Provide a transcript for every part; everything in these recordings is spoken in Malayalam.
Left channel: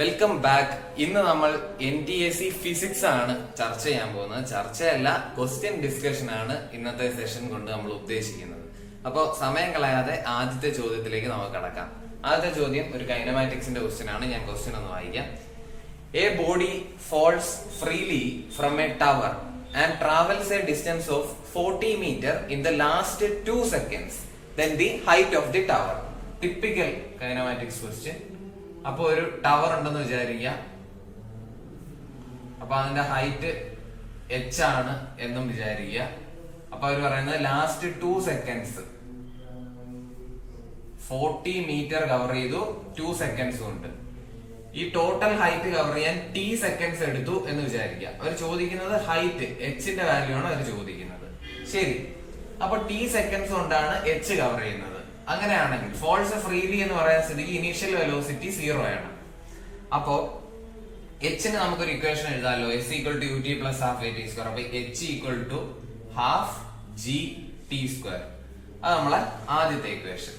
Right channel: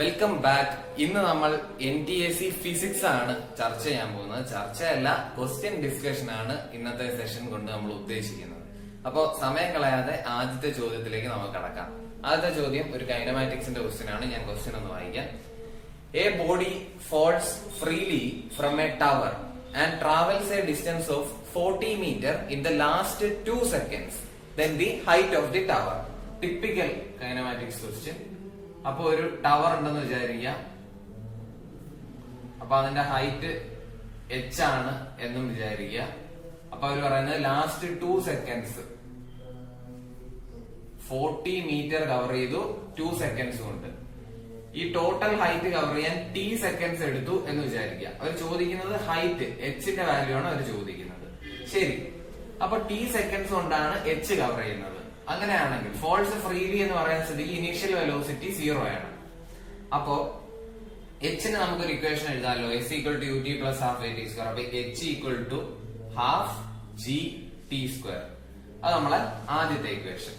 Welcome back. ഇന്ന് നമ്മൾ NTSC ഫിസിക്സ് ആണ് ചർച്ച ചെയ്യാൻ പോകുന്നത്. ചർച്ചയല്ല, ക്വസ്റ്റ്യൻ ഡിസ്കഷൻ ആണ് ഇന്നത്തെ സെഷൻ കൊണ്ട് നമ്മൾ ഉദ്ദേശിക്കുന്നത്. അപ്പോൾ സമയം കളയാതെ ആദ്യത്തെ ചോദ്യത്തിലേക്ക് നമുക്ക് കടക്കാം. ആദ്യത്തെ ചോദ്യം ഒരു കൈനമാറ്റിക്സിന്റെ ക്വസ്റ്റ്യൻ ആണ്. ഞാൻ ക്വസ്റ്റ്യൻ ഒന്ന് വായിക്കാം. A body falls freely from a tower and travels a distance of 40 meter in the last 2 seconds, then the height of the tower. Typical kinematics question. അപ്പൊ ഒരു ടവർ ഉണ്ടെന്ന് വിചാരിക്കുക. അപ്പൊ അതിന്റെ ഹൈറ്റ് h ആണ് എന്നും വിചാരിക്കുക. അപ്പൊ അവര് പറയുന്നത് ലാസ്റ്റ് 2 സെക്കൻഡ്സ് 40 മീറ്റർ കവർ ചെയ്തു 2 സെക്കൻഡ്സ് കൊണ്ട്. ഈ ടോട്ടൽ ഹൈറ്റ് കവർ ചെയ്യാൻ t സെക്കൻഡ്സ് എടുത്തു എന്ന് വിചാരിക്കുക. അവർ ചോദിക്കുന്നത് ഹൈറ്റ് എച്ചിന്റെ വാല്യൂ ആണ് അവർ ചോദിക്കുന്നത്. ശരി, അപ്പൊ t സെക്കൻഡ്സ് കൊണ്ടാണ് h കവർ ചെയ്യുന്നത്. അങ്ങനെയാണെങ്കിൽ ഫോൾസ് ഫ്രീലി എന്ന് പറയുന്ന സ്ഥിതിക്ക് ഇനീഷ്യൽ വെലോസിറ്റി 0 ആണ്. അപ്പോ എച്ചിന് നമുക്കൊരു ഇക്വേഷൻ എഴുതാമല്ലോ. s equal to ut plus half a t square. അപ്പൊ h equal to half g t square. അത് നമ്മളെ ആദ്യത്തെ ഇക്വേഷൻ.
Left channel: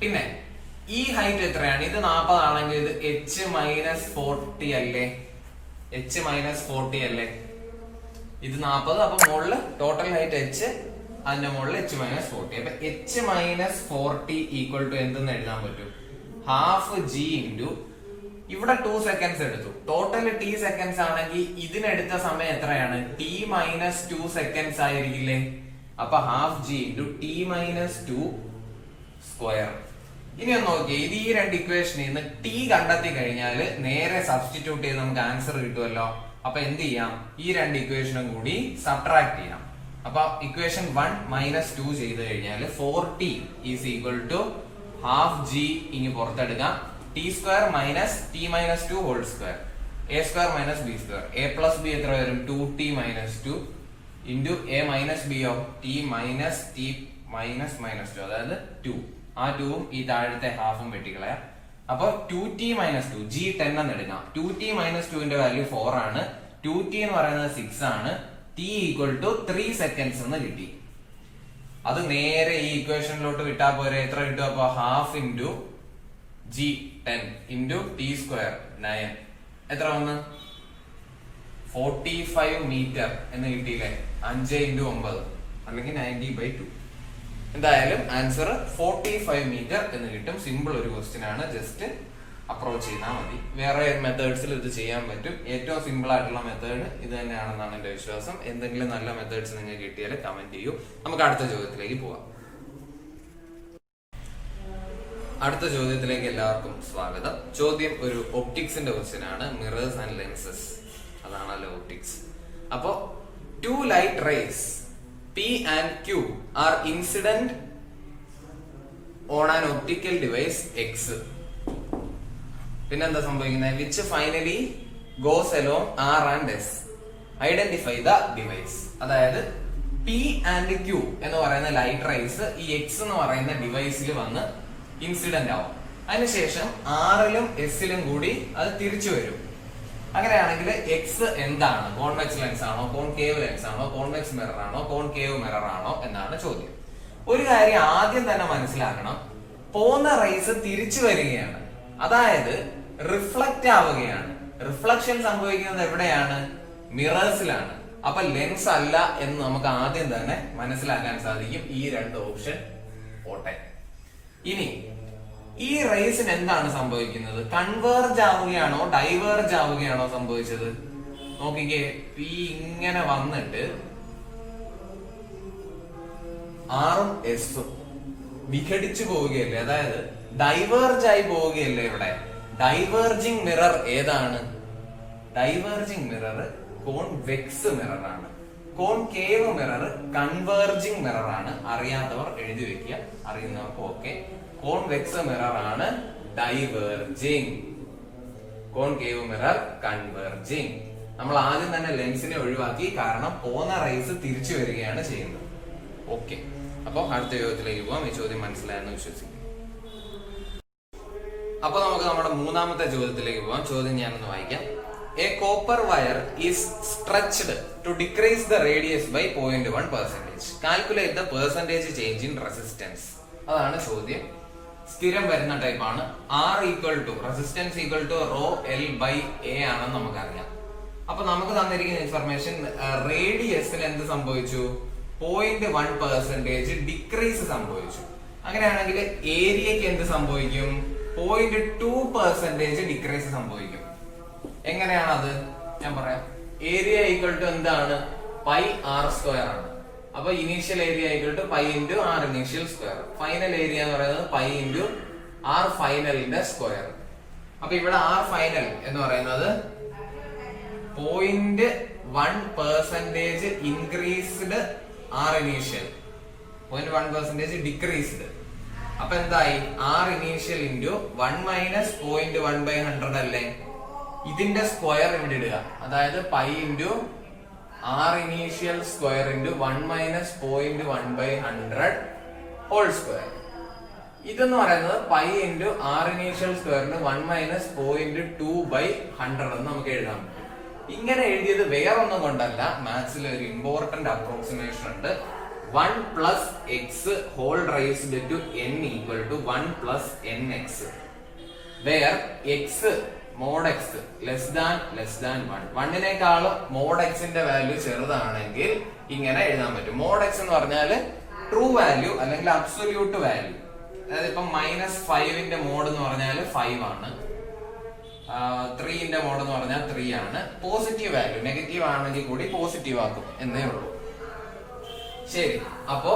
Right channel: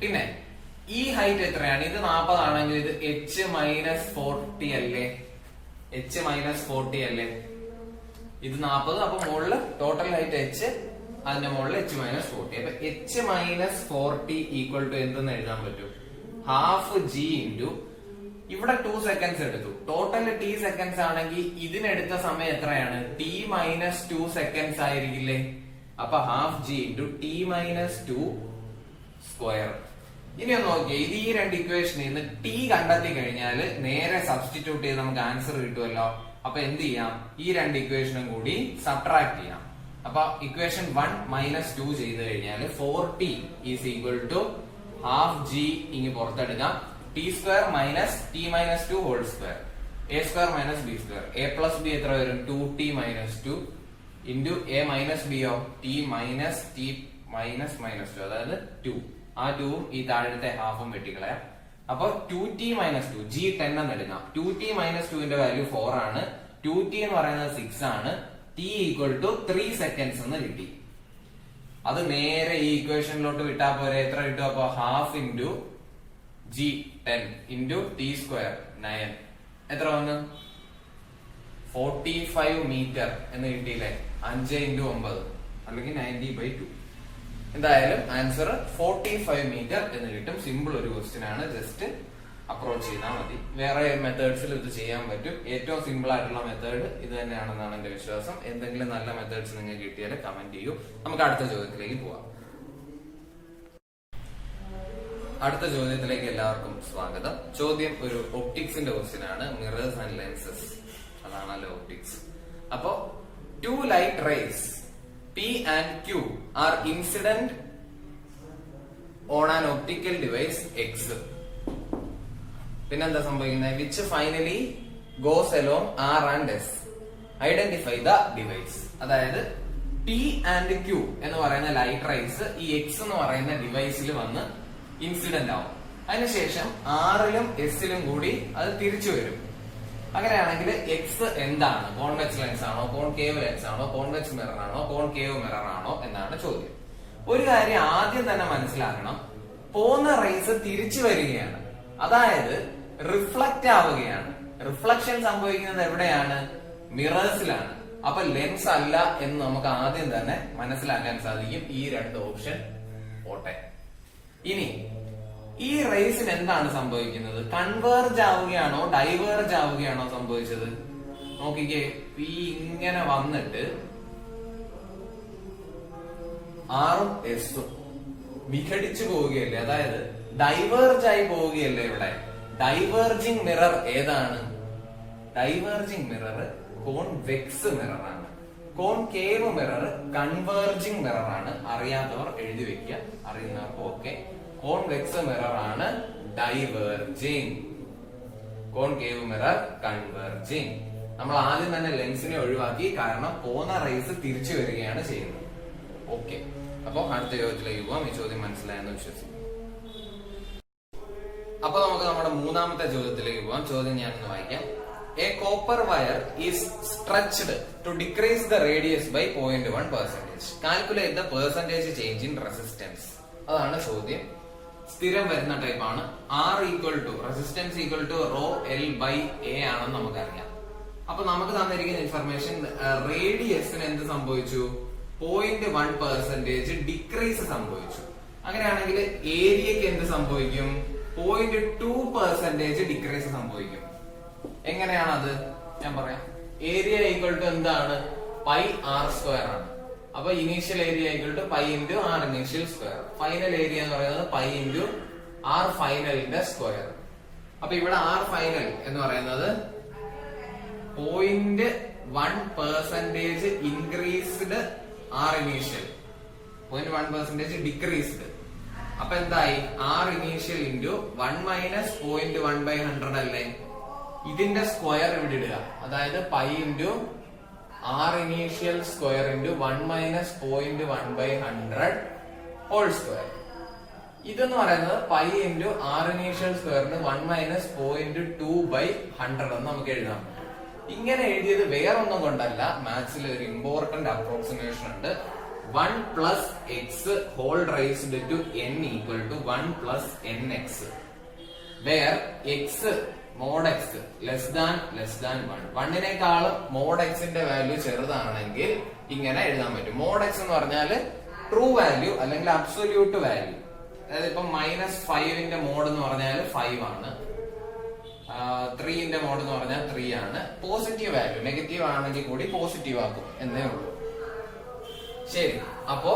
പിന്നെ ഈ ഹൈറ്റ് എത്രയാണ്? ഇത് 40 ആണെങ്കിൽ ഇത് h മൈനസ് 40 അല്ലേ? h മൈനസ് 40 അല്ലേ? ഇത് 40. അപ്പൊ മുകളില് ടോട്ടൽ ഹൈറ്റ് h, അതിന്റെ മുകളിൽ h മൈനസ് 40. അപ്പൊ h മൈനസ് 40 ഈക്വൽ ടു എന്തെന്ന് എഴുതാൻ പറ്റും? ഹാഫ് g ഇൻറ്റു ഇവിടെ 2 സെക്കൻഡ്സ് എടുത്തു. ടോട്ടൽ t സെക്കൻഡ്സ് ആണെങ്കിൽ ഇതിനെടുത്ത സമയം എത്രയാണ്? t മൈനസ് 2 സെക്കൻഡ്സ് ആയിരിക്കില്ലേ? അപ്പൊ half g into t minus 2 square. ഇനി ഒന്ന് നോക്കിയേ, ഇത് ഈ രണ്ട് ഇക്വേഷനിൽ നിന്ന് t കണ്ടെത്തി കഴിഞ്ഞാൽ നേരെ സബ്സ്റ്റിറ്റ്യൂട്ട് ചെയ്ത് നമുക്ക് ആൻസർ കിട്ടുമല്ലോ. അപ്പൊ എന്ത് ചെയ്യാം? ഈ രണ്ട് ഇക്വേഷനും കൂടി സബ്ട്രാക്ട് ചെയ്യാം. അപ്പൊ ഇക്വേഷൻ 1 മൈനസ് 2 ചെയ്ത് കഴിഞ്ഞാൽ 4t is equal to half g ഇനി പുറത്തെടുക്കാം. t square minus t minus 2 whole square, a square minus b square. a plus b എത്ര വരും? 2t minus 2 into a minus b ഓ t minus t minus minus 2, അതായത് 2. ആ 2ഉം ഈ താഴത്തെ ഹാഫും വെട്ടിക്കളയാം. അപ്പൊ 2t മൈനസ് 2 g10 എന്ന് എടുക്കാം. 2t മൈനസ് 2ന്റെ വാല്യൂ 4 ആണ്. 2t എന്ന് പറയുന്നത് 6 ആണ്. t ഈക്വൽ ടു 3 സെക്കൻഡ്സ് എന്ന് കിട്ടി. അത് നേരെ ഈ ഇക്വേഷനിലോട്ട് വിട്ടാൽ പോരെ. എത്ര കിട്ടും? അപ്പൊ half into g10 into t square 9. എത്ര വന്ന്? 45 മീറ്റർ എന്ന് കിട്ടിയില്ലേ? 5 ഇൻറ്റു 9 അല്ലെങ്കിൽ 90/2. എന്തായാലും ആൻസർ 45 മീറ്റർ എന്ന് കിട്ടും. സിമ്പിൾ ഒരു ക്വസ്റ്റ്യൻ ആണ്. ജസ്റ്റ് അപ്രോച്ച് ചെയ്താൽ മതി. വേറെ മെത്തേഡ്സിൽ ഇത് ചെയ്യാൻ പറ്റും. ഏറ്റവും സിമ്പിൾ ആയിട്ടുള്ള മെത്തേഡ് ഇത് തന്നെയാണെന്നാണ് എന്റെ വിശ്വാസം. എന്തെങ്കിലും നല്ല മെത്തേഡ്സ് നിങ്ങൾക്ക് കിട്ടിയാൽ കമന്റ് ചെയ്യൂ. നമുക്ക് അടുത്ത ചോദ്യത്തിലേക്ക് പോവാം. അടുത്ത ചോദ്യത്തിലേക്ക് എല്ലാവർക്കും സ്വാഗതം. ചോദ്യം ഒരു ഒപ്റ്റിക്സിന്റെ ക്വസ്റ്റ്യൻ ആണ്. മിറേഴ്സ് ആൻഡ് ലെൻസസ്, അതാണല്ലോ ഒപ്റ്റിക്സ്. അപ്പോ 2 light rays P and Q are incident on an optical device X. പിന്നെന്താ സംഭവിക്കുന്നത്? Which finally goes along R and S. Identify the device. അതായത് P and Q എന്ന് പറയുന്ന ലൈറ്റ് റേസ് ഈ X എന്ന് പറയുന്ന ഡിവൈസിൽ വന്ന് ഇൻസിഡന്റ് ആവും. അതിനുശേഷം ആറിലും എസിലും കൂടി അത് തിരിച്ചു വരും. അങ്ങനെയാണെങ്കിൽ എക്സ് എന്താണ്? കോൺവെക്സ് ലെൻസ് ആണോ, കോൺകേവ് ലെൻസ് ആണോ, കോൺവെക്സ് മിറർ ആണോ, കോൺകേവ് മിറർ ആണോ എന്നാണ് ചോദ്യം. ഒരു കാര്യം ആദ്യം തന്നെ മനസ്സിലാക്കണം, പോകുന്ന റേസ് തിരിച്ചു വരികയാണ്, അതായത് റിഫ്ലക്റ്റ് ആവുകയാണ്. റിഫ്ലക്ഷൻ സംഭവിക്കുന്നത് എവിടെയാണ്? മിറേഴ്സിലാണ്. അപ്പൊ ലെൻസ് അല്ല എന്ന് നമുക്ക് ആദ്യം തന്നെ മനസ്സിലാക്കാൻ സാധിക്കും. ഈ രണ്ട് ഓപ്ഷൻ പോട്ടെ. ഇനി ഈ റേസിന് എന്താണ് സംഭവിക്കുന്നത്? കൺവേർജ് ആവുകയാണോ ഡൈവേർജ് ആവുകയാണോ സംഭവിച്ചത്? നോക്കിക്കേ, പി ഇങ്ങനെ വന്നിട്ട് ആറും എസും വിഘടിച്ചു പോവുകയല്ലേ, അതായത് ഡൈവേർജ് ആയി പോവുകയല്ലേ. ഇവിടെ ഡൈവേർജിങ് മിറർ ഏതാണ്? ഡൈവേർജിങ് മിറർ കോൺവെക്സ് മിറർ ആണ്. കോൺകേവ് മിറർ കൺവേർജിങ് മിറർ ആണ്. അറിയാത്തവർ എഴുതി വെക്കുക, അറിയുന്നവർക്ക് ഓക്കെ. കോൺവെക്സ് മിറർ ആണ് ഡൈവേർജിങ്, കോൺകേവ് മിറർ കൺവേർജിങ്. നമ്മൾ ആദ്യം തന്നെ ലെൻസിനെ ഒഴിവാക്കി, കാരണം പോകുന്ന റേസ് തിരിച്ചു വരികയാണ് ചെയ്യുന്നത്. ഓക്കെ, അപ്പൊ അടുത്ത ചോദ്യത്തിലേക്ക് പോവാം. ഈ ചോദ്യം മനസ്സിലായെന്ന് വിശ്വസിക്കുന്നു. അപ്പൊ നമുക്ക് നമ്മുടെ മൂന്നാമത്തെ ചോദ്യത്തിലേക്ക് പോവാം. ചോദ്യം ഞാനൊന്ന് വായിക്കാം. A copper wire is stretched to decrease the radius by 0.1%. Calculate the percentage change in resistance. അതാണ് ചോദ്യം. സ്ഥിരം വരുന്ന ടൈപ്പാണ്. R equal to resistance equal to rho L by A ആണെന്ന് നമുക്കറിയാം. അപ്പൊ നമുക്ക് തന്നിരിക്കുന്ന ഇൻഫർമേഷൻ റേഡിയസിന് എന്ത് സംഭവിച്ചു? 0.1% ഡിക്രീസ് സംഭവിച്ചു. അങ്ങനെയാണെങ്കിൽ ഏരിയക്ക് എന്ത് സംഭവിക്കും? 0.2% ഡിക്രീസ് സംഭവിക്കും. എങ്ങനെയാണത്? ഞാൻ പറയാം. ഏരിയ ഈക്വൽ ടു എന്താണ്? പൈ ആർ സ്ക്വയർ ആണ്. അപ്പൊ initial area equal to pi into R initial square. Final area എന്ന് പറയുന്നത് പൈ ഇൻറ്റു ആർ ഫൈനലിന്റെ സ്ക്വയർ. അപ്പൊ ഇവിടെ ആർ ഫൈനൽ എന്ന് പറയുന്നത് 0.1% ഇൻക്രീസ്ഡ്, ആർ ഇനീഷ്യൽ 0.1% ഡിക്രീസ്ഡ്. അപ്പൊ എന്തായി? ആർ ഇനീഷ്യൽ ഇൻറ്റു 1 മൈനസ് 0.1/100 അല്ലേ? ഇതിന്റെ സ്ക്വയർ ഇവിടെ ഇടുക. അതായത് pi into R initial square into 1 minus 0.1/100 whole square. ഇതെന്ന് പറയുന്നത് പൈ ഇൻറ്റു ആർ ഇനീഷ്യൽ സ്ക്വയറിന് 1 മൈനസ് 0.2/100 എന്ന് നമുക്ക് എഴുതാൻ പറ്റും. ഇങ്ങനെ എഴുതിയത് വേറൊന്നും കൊണ്ടല്ല, മാത്സിൽ ഒരു ഇമ്പോർട്ടന്റ് അപ്രോക്സിമേഷൻ ഉണ്ട്. 1 plus X whole raised to n equal to 1 plus nx, where X mod X less than 1. 1നേക്കാളും മോഡ് എക്സിന്റെ വാല്യൂ ചെറുതാണെങ്കിൽ ഇങ്ങനെ എഴുതാൻ പറ്റും. മോഡ് എക്സ് എന്ന് പറഞ്ഞാൽ ട്രൂ വാല്യൂ അല്ലെങ്കിൽ അബ്സൊല്യൂട്ട് വാല്യൂ. അതായത് ഇപ്പൊ -5ന്റെ മോഡ് എന്ന് പറഞ്ഞാൽ 5 ആണ്, 3ന്റെ മോഡ് എന്ന് പറഞ്ഞാൽ 3 ആണ്. പോസിറ്റീവ് വാല്യൂ, നെഗറ്റീവ് ആണെങ്കിൽ കൂടി പോസിറ്റീവ് ആക്കും എന്നേ ഉള്ളൂ. ശരി, അപ്പോ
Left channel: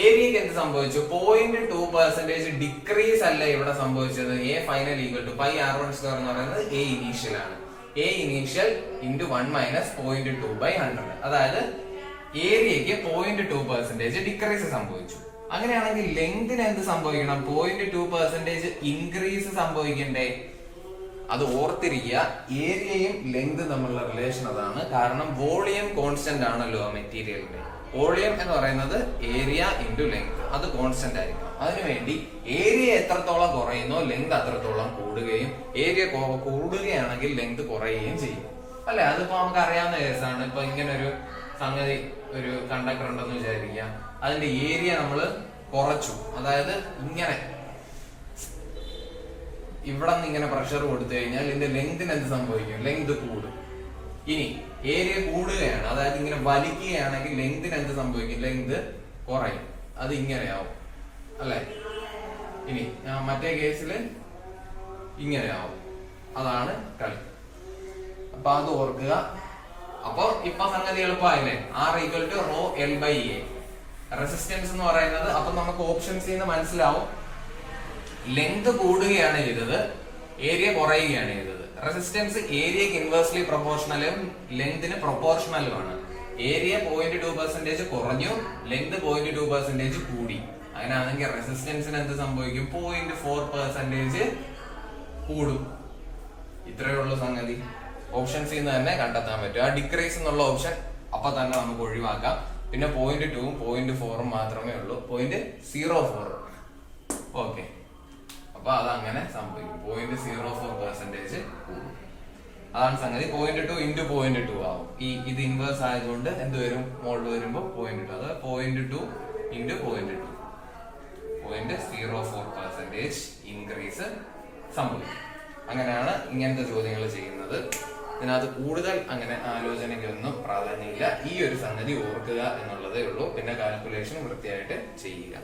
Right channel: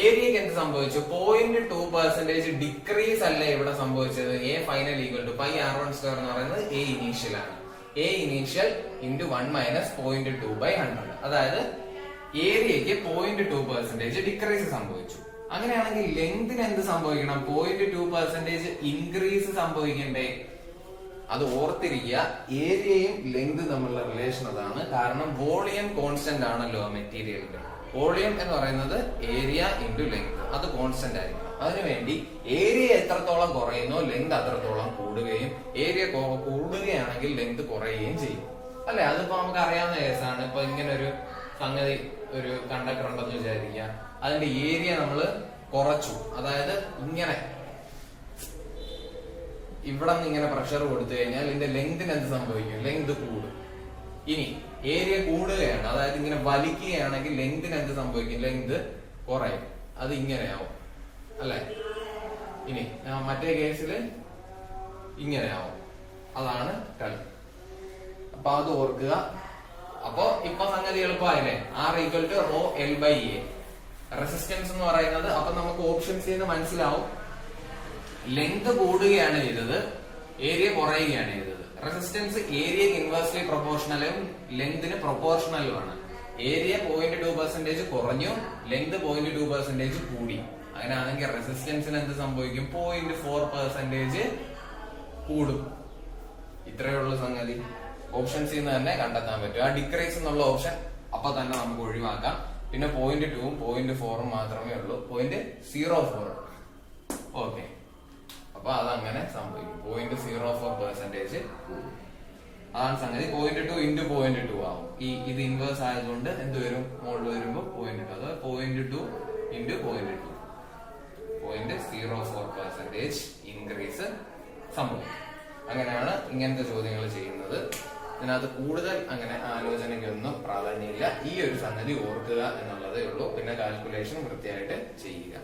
ഏരിയക്ക് എന്ത് സംഭവിച്ചു? 0.2% ഡിക്രീസ് അല്ല ഇവിടെ സംഭവിച്ചത്. A final equal to pi r1 square എന്ന് പറയുന്നത് എ ഇനീഷ്യൽ ആണ്. A initial into 1 minus 0.2/100. അതായത് ഏരിയക്ക് 0.2% ഡിക്രീസ് സംഭവിച്ചു. അങ്ങനെയാണെങ്കിൽ ലെങ്തിന് എന്ത് സംഭവിക്കണം? 0.2% ഇൻക്രീസ് സംഭവിക്കണ്ടേ? അത് ഓർത്തിരിക്കുക. ഏരിയയും ലെങ്ത് തമ്മിലുള്ള റിലേഷൻ അതാണ്. കാരണം വോളിയം കോൺസ്റ്റന്റ് ആണല്ലോ ആ മെറ്റീരിയലിന്റെ. വോളിയം എന്ന് പറയുന്നത് ഏരിയ ഇൻറ്റു ലെങ്ത്, അത് കോൺസ്റ്റന്റ് ആയിരിക്കണം. അതിനുവേണ്ടി ഏരിയ എത്രത്തോളം കുറയുന്നോ ലെങ്ത് അത്രത്തോളം കൂടുകയും, ഏരിയ കൂടുകയാണെങ്കിൽ ലെങ്ത് കുറയുകയും ചെയ്യും അല്ലെ? അതിപ്പോ നമുക്ക് അറിയാവുന്ന കേസാണ്. ഇപ്പൊ ഇങ്ങനെ ഒരു സംഗതി, ഒരു കണ്ടക്ടർ ഉണ്ടെന്ന് വിചാരിക്കുക, അതിന്റെ ഏരിയ നമ്മൾ കുറച്ചു. അതായത് ഇങ്ങനെ ഇവിടെ നിന്ന് ഇങ്ങനെ പ്രഷർ കൊടുത്തു കഴിഞ്ഞാൽ ഇതിന്റെ ലെങ്തിന് എന്ത് സംഭവിക്കും? ലെങ്ത് കൂടും. ഇനി ഏരിയ കൂടുകയാണ്, അതായത് ഇങ്ങനെ വലിക്കുകയാണെങ്കിൽ ലെങ്തിന് എന്ത് സംഭവിക്കും? ലെങ്ത് കുറയും. അത് ഇങ്ങനെയാവും അല്ലെ? ഇനി മറ്റേ കേസിൽ ഇങ്ങനെയാവും. അതാണ് കളി. അപ്പൊ അത് ഓർക്കുക. അപ്പൊ ഇപ്പൊ സംഗതി എളുപ്പമായില്ലേ? R equal to rho L by A. Resistance എന്ന് പറയുന്നത് അപ്പൊ നമുക്ക് ഓപ്ഷൻസിൽ നിന്ന് മനസ്സിലാവും, ലെങ്ത് കൂടുകയാണ് ചെയ്തത്, ഏരിയ കുറയുകയാണ് ചെയ്തത്. റെസിസ്റ്റൻസ് ഏരിയക്ക് ഇൻവേഴ്സ്ലി പ്രൊപ്പോർഷണലും ലെങ്തിന് പ്രൊപ്പോർഷണലുമാണ്. ഏരിയ 0.2% കുറഞ്ഞു, ലെങ്ത് 0.2% കൂടി. അങ്ങനെയാണെങ്കിൽ റെസിസ്റ്റൻസിന് എന്ത് സംഭവിക്കും? 0.4% കൂടും. ഇത്രയേ ഉള്ളൂ സംഗതി. ഓപ്ഷൻസിൽ നിന്ന് തന്നെ കണ്ടെത്താൻ പറ്റും. ആ ഡിക്രീസ് എന്നുള്ള ഓപ്ഷൻ അപ്പൊ തന്നെ നമുക്ക് ഒഴിവാക്കാം. പിന്നെ 0.2ഉം 0.4ഉം മാത്രമേ ഉള്ളൂ. 0.04. ഓക്കെ, അപ്പൊ അതങ്ങനെ സംഭവിക്കും. 0.04% കൂടും. അതാണ് സംഗതി. 0.2 ഇൻറ്റു 0.2 ആവും. ഇത് ഇൻവേഴ്സ് ആയതുകൊണ്ട് എന്ത് വരും? മോളിൽ വരുമ്പോൾ 0.2. അത് 0.2 ഇൻറ്റു 0.2, 0.04% ഇൻക്രീസ് സംഭവിക്കും. അങ്ങനെയാണ് ഇങ്ങനത്തെ ചോദ്യങ്ങൾ ചെയ്യുന്നത്. ഇതിനകത്ത് കൂടുതൽ അങ്ങനെ ആലോചനയ്ക്കൊന്നും പ്രാധാന്യമില്ല. ഈ ഒരു സംഗതി ഓർക്കുക എന്നുള്ളതേ ഉള്ളൂ. പിന്നെ കാൽക്കുലേഷൻ വൃത്തിയായിട്ട് ചെയ്യുക.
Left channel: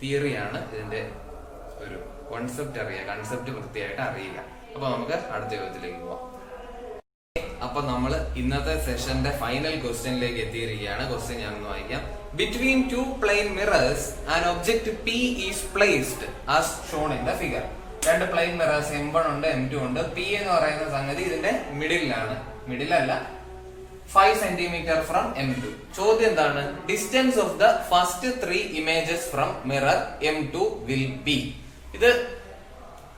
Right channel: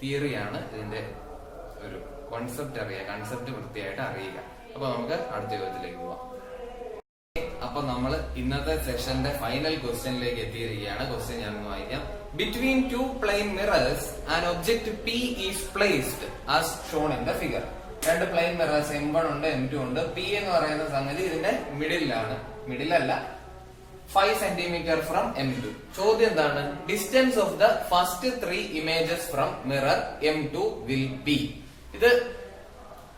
തിയറിയാണ് ഇതിന്റെ ഒരു കോൺസെപ്റ്റ് അറിയുക, കൺസെപ്റ്റ് വൃത്തിയായിട്ട് അറിയുക. അപ്പൊ നമുക്ക് അടുത്ത ചോദ്യത്തിലേക്ക് പോവാം. അപ്പൊ നമ്മൾ ഇന്നത്തെ സെഷന്റെ ഫൈനൽ ക്വസ്റ്റ്യനിലേക്ക് എത്തിയിരിക്കുകയാണ്. ക്വസ്റ്റ്യൻ ഞാനൊന്ന് വായിക്കാം. Between two plane mirrors an object P is placed as shown in the figure. രണ്ട് പ്ലെയിൻ മിറേഴ്സ് M1 ഉണ്ട്, M2 ഉണ്ട്. P എന്ന് പറയുന്ന സംഗതി ഇതിന്റെ മിഡിലാണ്, മിഡിലല്ല, 5 സെന്റിമീറ്റർ ഫ്രം M2. ചോദ്യം എന്താണ്? Distance of the first 3 images from mirror M2 will be. ഇത്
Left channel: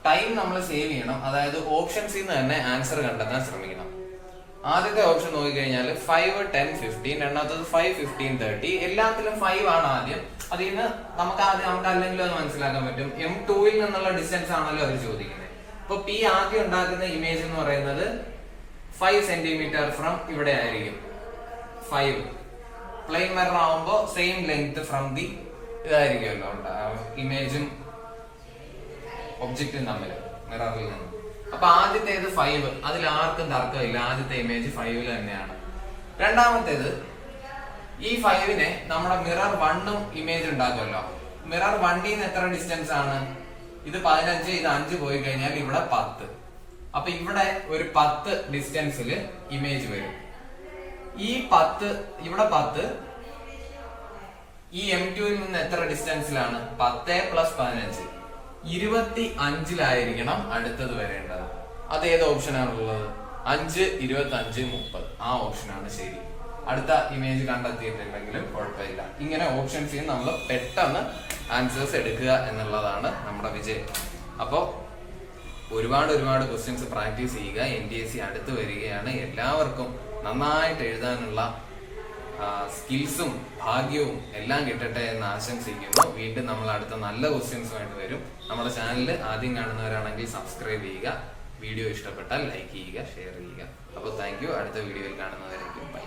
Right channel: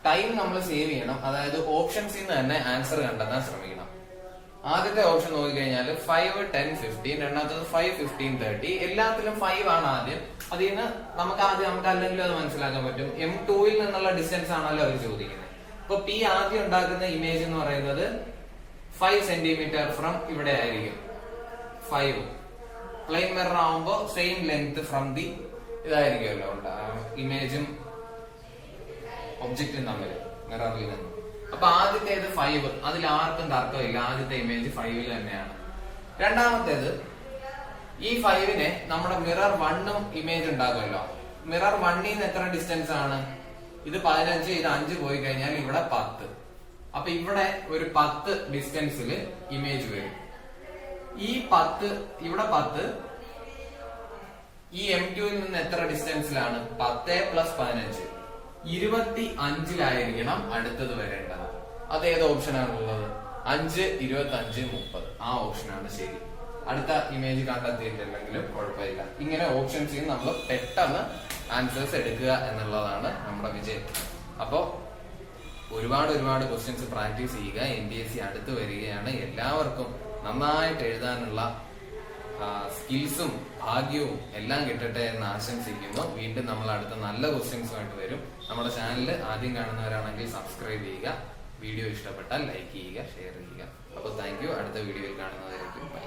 ടൈം നമ്മൾ സേവ് ചെയ്യണം. അതായത് ഓപ്ഷൻസിൽ നിന്ന് തന്നെ ആൻസർ കണ്ടെത്താൻ ശ്രമിക്കണം. ആദ്യത്തെ ഓപ്ഷൻ നോക്കിക്കഴിഞ്ഞാൽ 5, 10, 15. രണ്ടാമത്തത് 5, 15, 30. എല്ലാത്തിലും 5 ആണ് ആദ്യം. അതിൽ നിന്ന് നമുക്ക് അല്ലെങ്കിലും അത് മനസ്സിലാക്കാൻ പറ്റും. M2ൽ നിന്നുള്ള ഡിസ്റ്റൻസ് ആണല്ലോ അവർ ചോദിക്കുന്നത്. ഇപ്പൊ P ആദ്യം ഉണ്ടാക്കുന്ന ഇമേജ് എന്ന് പറയുന്നത് 5 സെന്റിമീറ്റർ ഫ്രം ഇവിടെ ആയിരിക്കും. 5 പ്ലെയിൻ മിറർ ആവുമ്പോ സെയിം ലെങ്ത് ഫ്രം ദി ഇതായിരിക്കുമല്ലോ ഇമേജും ഒബ്ജക്റ്റും തമ്മിൽ മിററിൽ നിന്ന്. അപ്പൊ ആദ്യത്തേത് 5, അതിൽ ആർക്കും തർക്കമില്ല, ആദ്യത്തെ ഇമേജ് 5 തന്നെയാണ്. രണ്ടാമത്തേത് ഈ 5നെ നമ്മുടെ മിറർ 1ഉം ഇമേജ് ഉണ്ടാക്കുമല്ലോ. മിറർ 1ൽ നിന്ന് എത്ര ഡിസ്റ്റൻസ് ആണ്? ഇത് 15, ഇത് 5 പോയി കഴിഞ്ഞാൽ ഇവിടെ 10. അപ്പൊ ഇവിടെ ഒരു 10 ഡിസ്റ്റൻസിൽ ഇമേജ് വരും. ഈ 10 ഇവിടെ 10 ഈ M2ൽ നിന്ന് എത്ര ഡിസ്റ്റൻസിലാണ്? 10 + 15 25ലായിരിക്കണം അടുത്തത് വരേണ്ടത്. അത് ഏത് ഓപ്ഷനാണുള്ളത്? 5, 25, 30. ആ ഓപ്ഷനാണ് ശരി. അടുത്ത ഇമേജ് കണ്ടെത്തിയിട്ടില്ലെങ്കിലും കുഴപ്പമില്ല. ഇങ്ങനെ ഓപ്ഷൻസ് നമ്മൾ പെട്ടെന്ന് ആൻസേഴ്സ് എടുക്കുക എന്നുള്ളതാണ് നമ്മുടെ വിജയം. അപ്പോൾ ഒരുപാട് ക്വസ്റ്റ്യൻസ് പ്രാക്ടീസ് ചെയ്യുക. NDSC അടുത്ത് വരികയാണ്. എല്ലാവർക്കും നന്നായിട്ട് എഴുതാനുള്ള സ്കിൽസും ഭാഗ്യവും എല്ലാം കിട്ടട്ടെ എന്ന് ആശംസിക്കുന്നു. വീണ്ടും നമ്മൾ അടുത്ത നല്ല ക്വസ്റ്റ്യൻസുമായിട്ട് വരും. നമ്മുടെ ചാനൽ ആദ്യം കാണുന്നവരാണെങ്കിൽ സബ്സ്ക്രൈബ് ചെയ്യുക. വീഡിയോ ഇഷ്ടപ്പെട്ടാൽ ലൈക്ക് ചെയ്യുക, ഷെയർ ചെയ്യുക. അപ്പോൾ താങ്ക് യു. അടുത്ത വീഡിയോയിൽ കാണുന്നവരേക്കും ബൈ.